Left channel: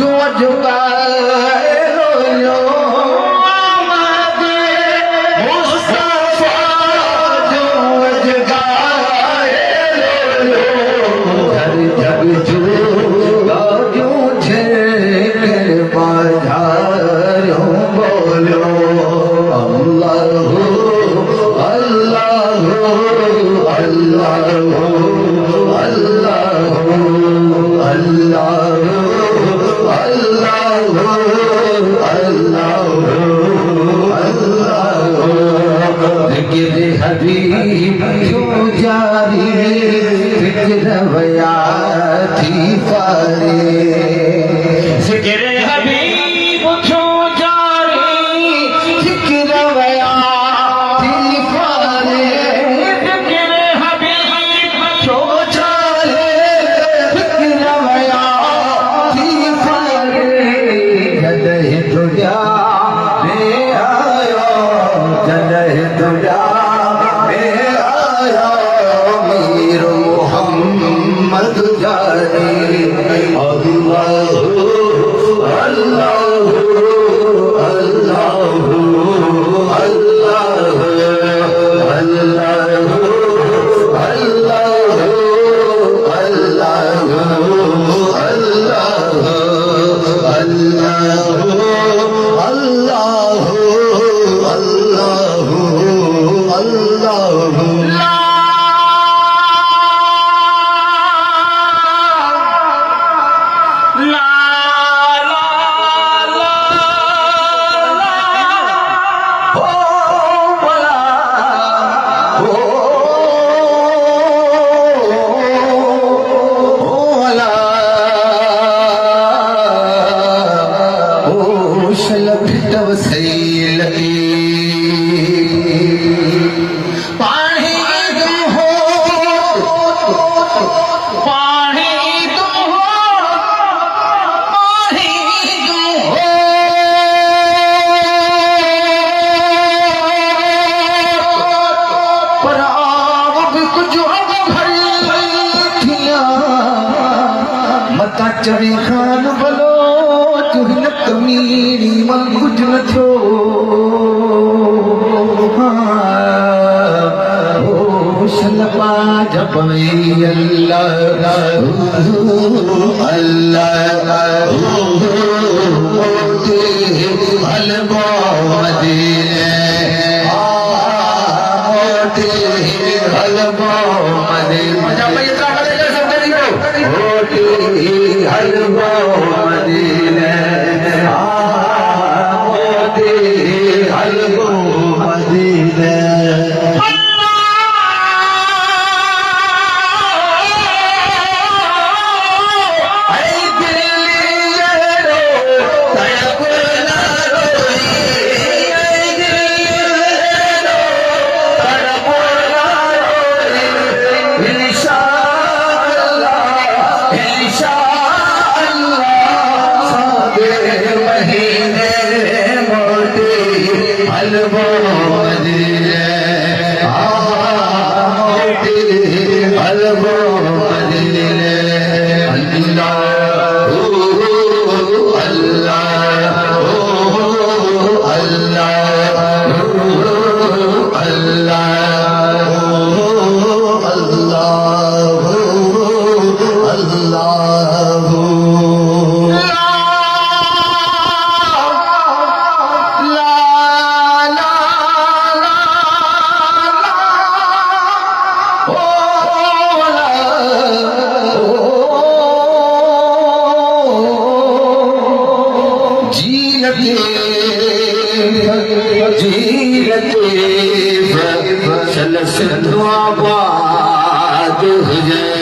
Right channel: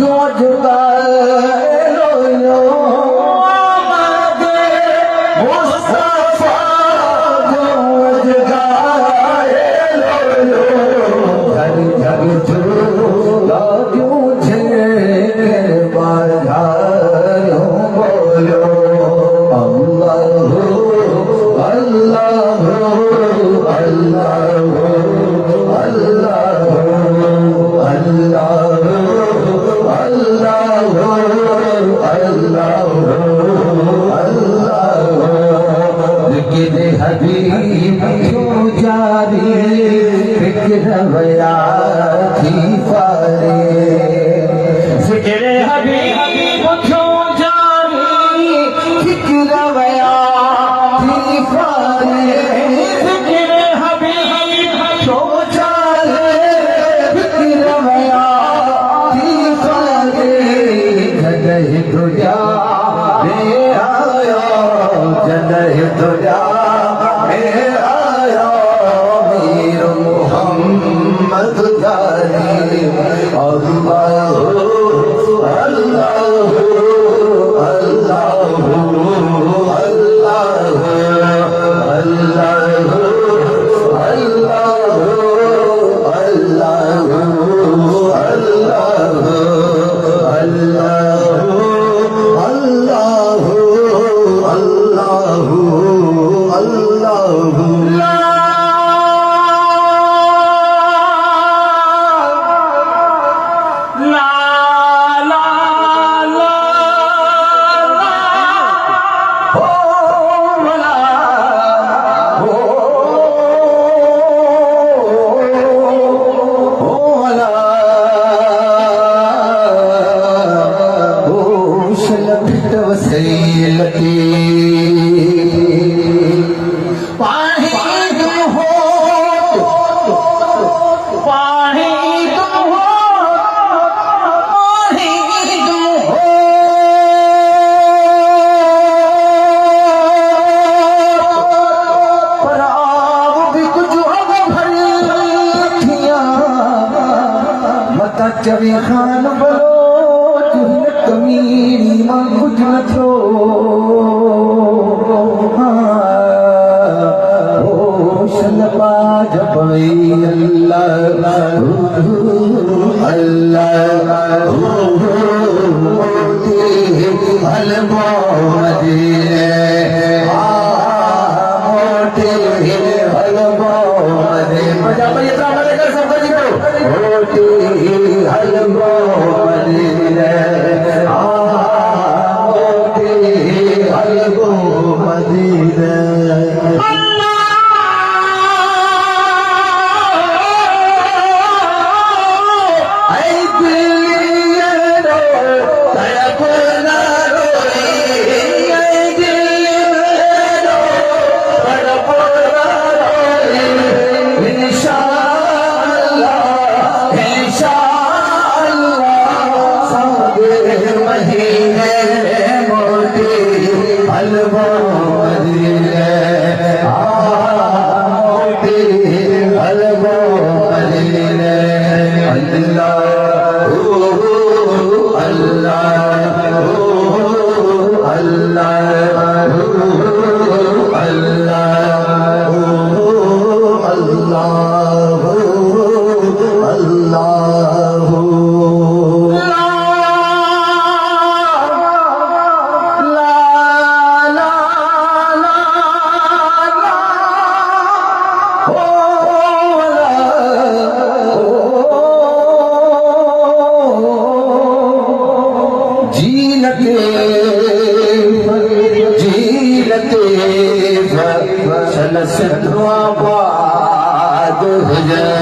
जो जुगाए लो आमदे मुस्तफा जो जुगाए लो हर जग जुगा जो छे बाजारों बोलो अल्लाह अल्लाह हबीब क्यों जारी फिक्र वया थी फारे जिक्र हबीब क्यों जारी फिक्र वया थी फारे जिक्र हबीब क्यों जारी फिक्र वया थी फारे जदहि तुझा रे आया जदहि तुझा मोहम्मद जानी अल्लाह अल्लाह अल्लाह अल्लाह अल्लाह चढ़े खान बोलो तुहिन कमीरी मां कुछ न थियो ओ शलपा जपई अल्लाह अल्लाह मोते हलबो मदीने मोते हलबो मदीने जपई मोते हलबो मदीने मोते हलबो मदीने आबाद हुजे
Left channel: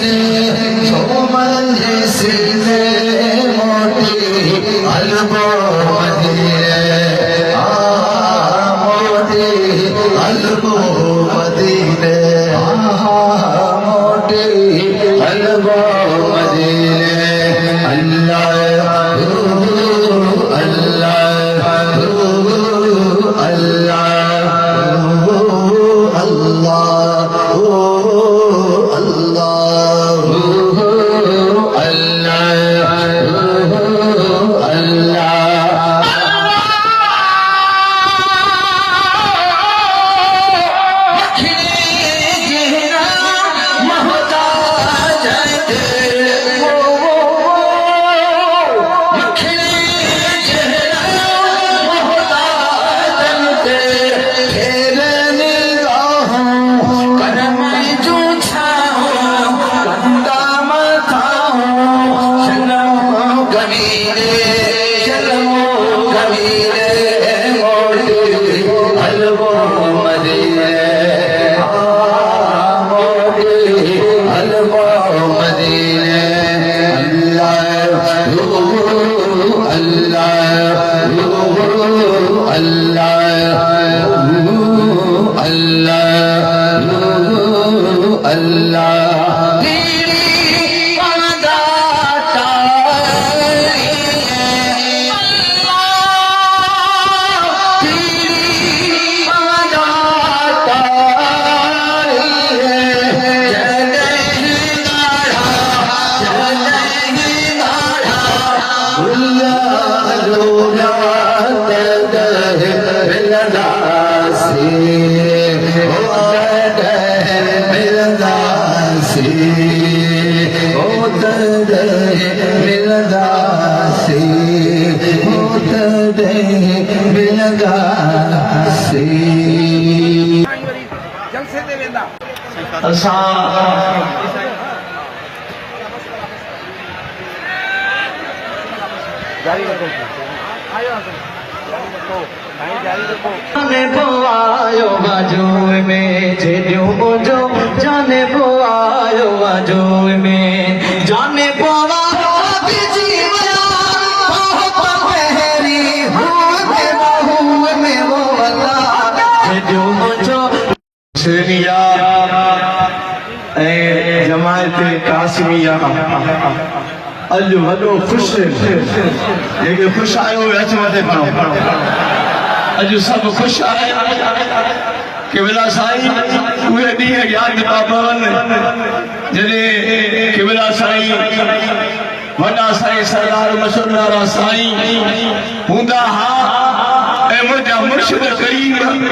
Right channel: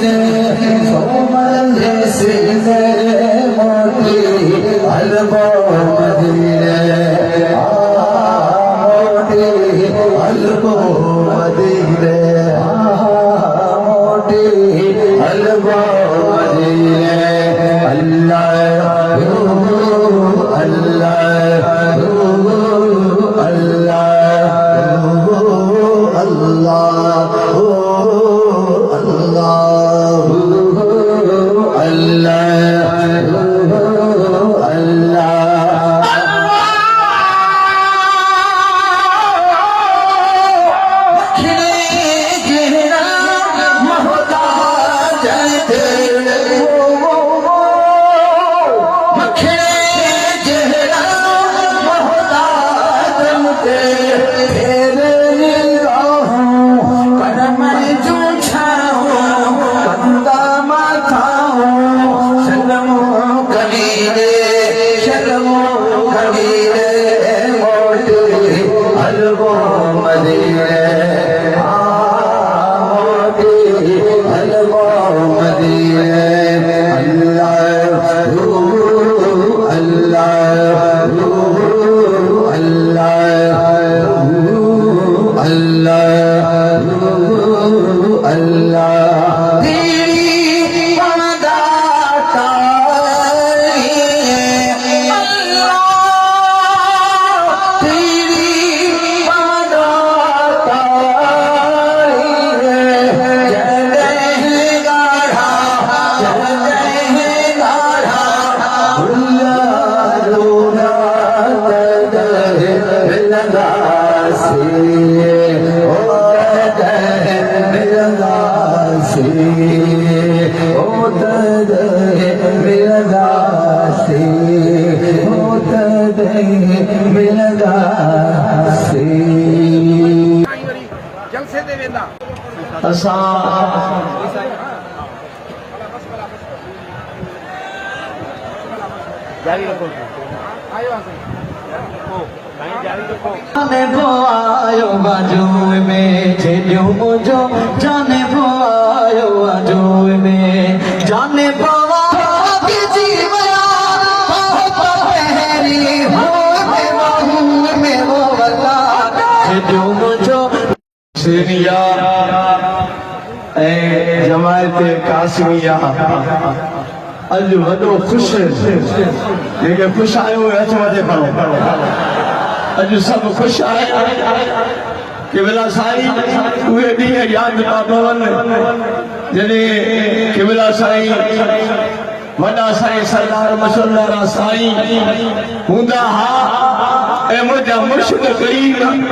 मदीने सोमल सीने मोती अलबो मदीने मोती अलबो मदीने मोती अलबो मदीने अल्लाह जलसे दे वेंदा जारी रखो आयो जाने आयो बाजू में जेडियो जो जाने आयो बाजू में जाने जमायत कासमिया अज वो खुश खुश आयो अज सब खुश आया केवला साईं उहे ॾींहं यादि था पवनि जॾहिं केवला साईं वॾा साईं सरदार मशहूर साईं हूंदा हा ऐं मुंहिंजा मुर्शिद करीम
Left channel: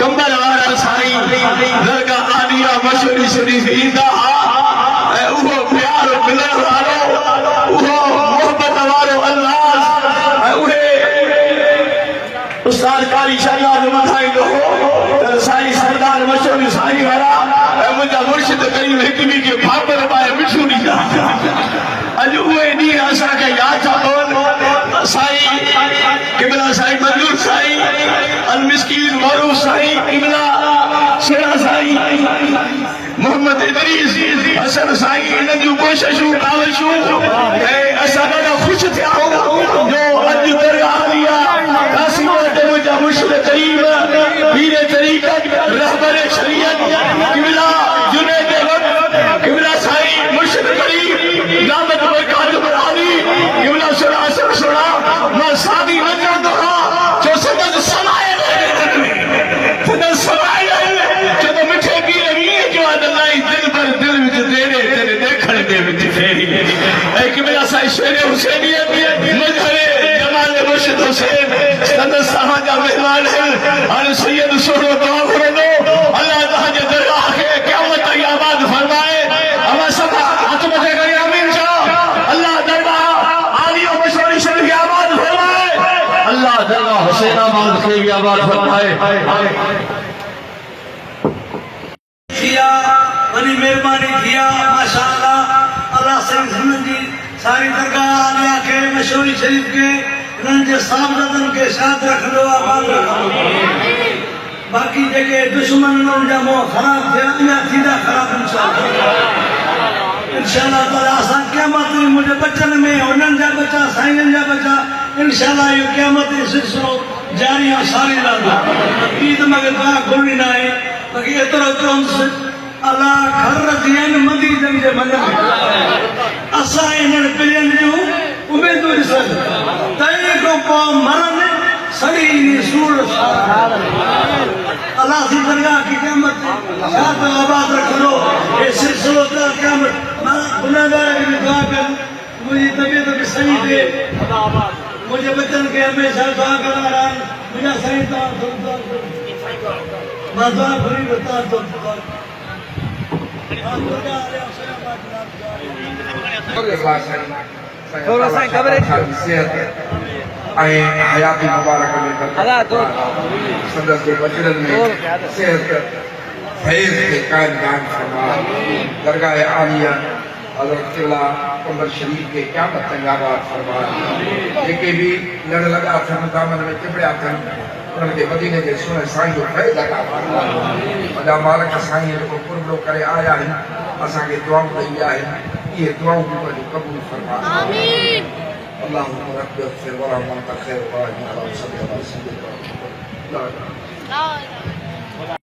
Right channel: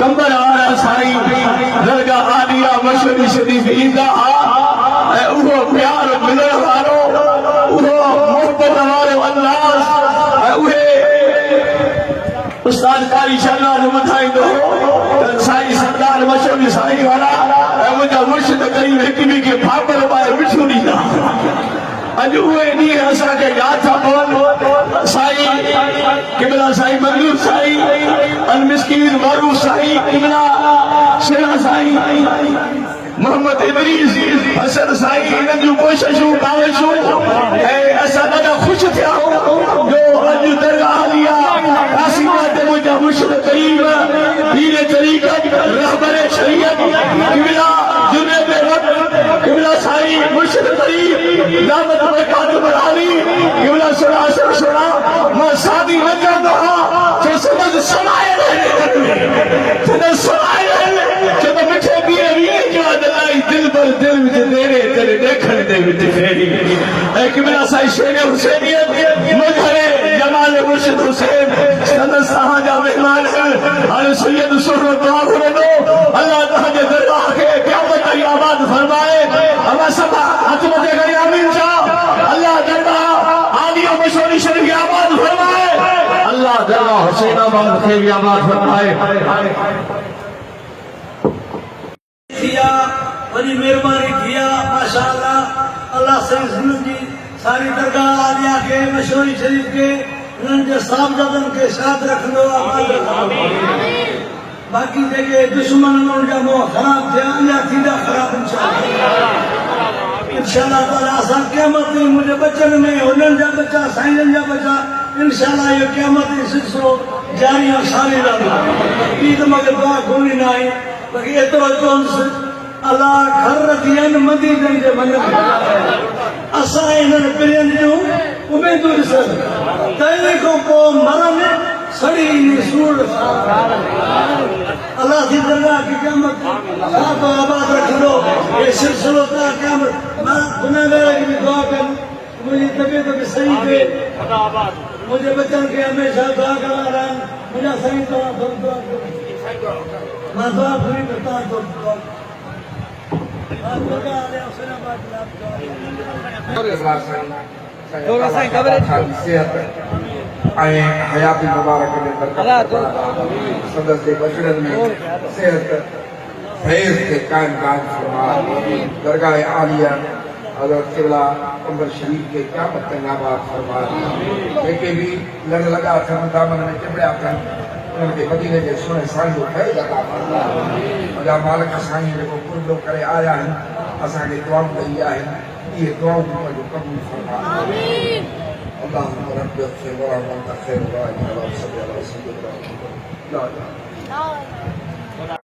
कंबर वारा साईं दरगाह आलिया मशहूरी शरीफ़ ईंदा हा ऐं उहो प्यार मिलण वारो उहो मोहबत वारो अंदाज़ ऐं उहे उस्ताद कारी शहनाज़ ॿुधाईंदो हो साईं सरदार मशहूर साईं हुया ऐं मुंहिंजा मुर्शिद करीम हिक ॿिए खे फापल पाए मिठियूं ॾींदा अॼु उहे ॾींहं असांखे यादि था पवनि साईं किबला साईं मंजूर साईं अलमिस्कीन मारूफ साईं किबला शेरा साईं मोहम्मद इदरीस हसन साईं इन्हनि जूं कोशिशूं काविशूं ऐं असां ॾाढा ख़ुशि थिया आहियूं जो अॼु दरगाह आलिया कासिमा ते मुंहिंजा मुर्शिद करीम पीर तरीक़त रहबर शरीयत किबला जुनैद वक्त किबला साईं मुर्शिद करीम क़यामत में कातिब आली किबला शेरा हसन शेरा मां शादी न कंदो आहियां जो समझ समाए जब मिठे पीर वीर के अदलाई दिल पर दिल विच तेरे तेरे देखण दे विच फेरी ऐ किबला साईं शेर हुसैनियत मजहरे जमाल मुर्शिद हुसैन सदर साहब जा मेहमान हाल सैयद सोहरो दुआ करंदो अल्लाह तआला जे दरगाह के क़यामत ताईं आबाद फरमाए अल्लाह सदा हाथ मथे करे आमीन जा अल्लाह दरगाह आलिया मशहूरी शरीफ आबाद फरमाए अल्लाह दरगाह हुसैनाबाद के आबाद फरमाए मेहरबानी किया माशाअल्लाह अल्लाह से जिंदगी सारी दरगाह आलिया के मशहूरी शरीफ के उनके साहबजादन के साथ रख लो बाकी जेके दुश्मन उनजा मोह खराब थे अञा थींदा खराब इंशाअल्लाह इंशाअल्लाह ताला असां क़यामत में मुझे बचन में उन्हनि जा बचा साईं जा बचा इंशाअल्लाह ये क़यामत जो सिलसिलो जारी आहे सारी रहंदो ईद मगर दुआ घुरणी न आहे बाक़ी एतिरो चवंदुसि अलाह घर दियनि मदीननि जे मन में असां इन्हनि पिणनि जूं उमेदूं ॾिसनि तंहिं खां पोइ मरनि सड़ी सूर अल्लाह की दरगाह की क़यामत छा तो आबाद रखंदो ये सिलसिलो ता क़यामत मां गुनाहगार खे बि दुआ कनि मुंहिंजी तबियत खे सही थिए मुझे बच्चन के हमेशा दुआ करा रहनि मुंहिंजा साईं तव्हां दुआ कयो मां दुआ घुरी बता तो थोड़ा सा कवरेज हयाती मुबारक में सदस्य के बचड़न में सेहत फैज के कायम दान फरमा दरगाह आलिया हज़रत क़िबला कमर शरीफ के क्या तंगाबाद फरमा जेके भी लड़ लगा थन दामन में चिबड़िया थन उनके मदीने के सुने साईं जो फैज अता फरमा वॾा मालिक साईं जो कुर्बो करे आया आहिनि असांखे दुआऊं ॾेई आहिनि इहे दुआऊं बि पंहिंजो क़बूल फरमा आमीन اللهم رب اغفر وارحم وانت خير الراحمين اللهم صل على سيدنا محمد